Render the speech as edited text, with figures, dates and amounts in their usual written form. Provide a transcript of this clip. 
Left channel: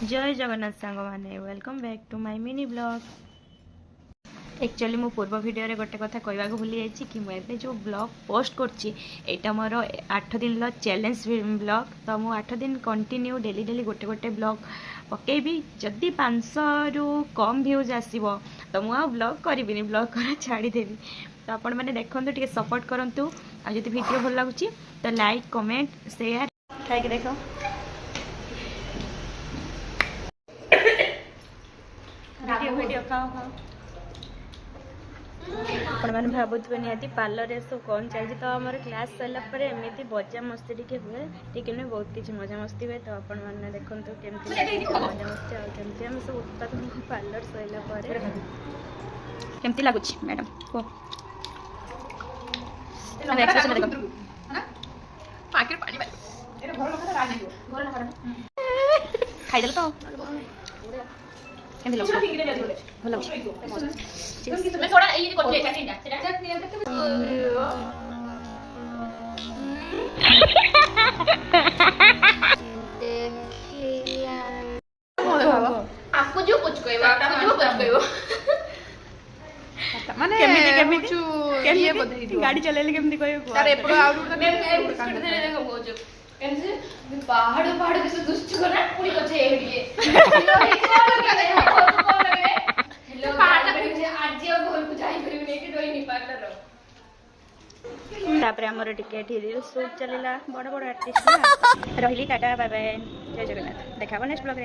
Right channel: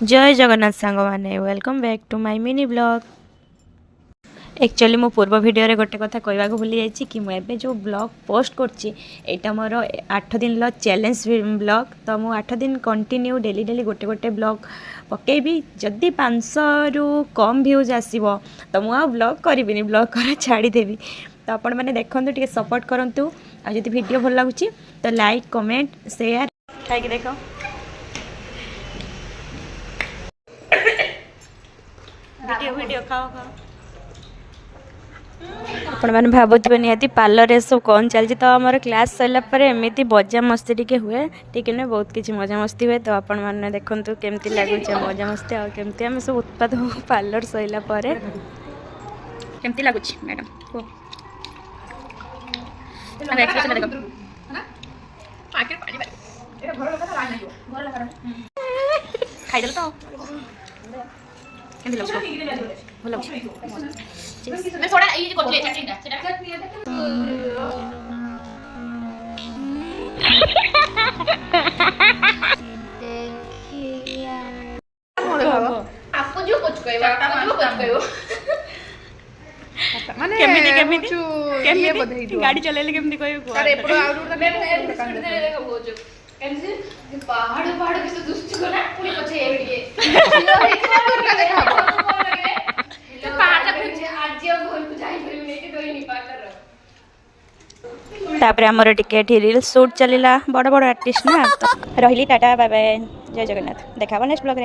जय जगन्नाथ सांग मैंने welcome back to my mini blog. Actually मो पूर्व वीडियो रे गोटे कथा कहवा भूली जाइए कि मुझे जो ब्लॉग पोस्ट करटा मोर 8 दिन चैलेंज ब्लॉग। तो मुझे 8 दिन कंटिन्यू डेली डेली गोटे गोटे ब्लॉग पकेबी। जदि 500 रु कम व्यूज आसो तो मुझे ब्लॉग करी ब्लॉग कर छाड़देवी। तो आपण मैंने देखो टे सपोर्ट करूँ। आदि वीडियो भल लगुच तो लाइक कमेंट शेयर खाई देख। वीडियो वीडियो खाओ खाओ। आपण मैंने भावुवे निहाती पार्लर रे सब कौन चलती। तो आमर क्लास सरला एमती मजा मस्ती टिके हुए ठीक है बहुत किसी मजा मस्ती हुए। तो आपण मैंने देखु केमती लगुच मजा मस्ती आमती आम सब उत्पाद हो पार्लर सरला केमती लगुच मैडम को खाईदेल तो भल आपको जो कुछ कहबा आपको जो कुछ कहबो माने केमिति गाड़ी चलेले केमिति कहबो अरे एपडो आउट उड तो एमसे पहाड़ पहाड़ के दुष्ट को ना पूरी पछे एडिए पहाड़ तक आज घर को जाई परिबे कि डोई नि पार्टनर। तापर हमर टिकेट रील शूट चलिला बड़ बड़ आर्टिस्ट ना। रहिली टाटा बाय बाय जय जगन्नाथ। देखाबो नेक्स्ट ब्लॉग रे।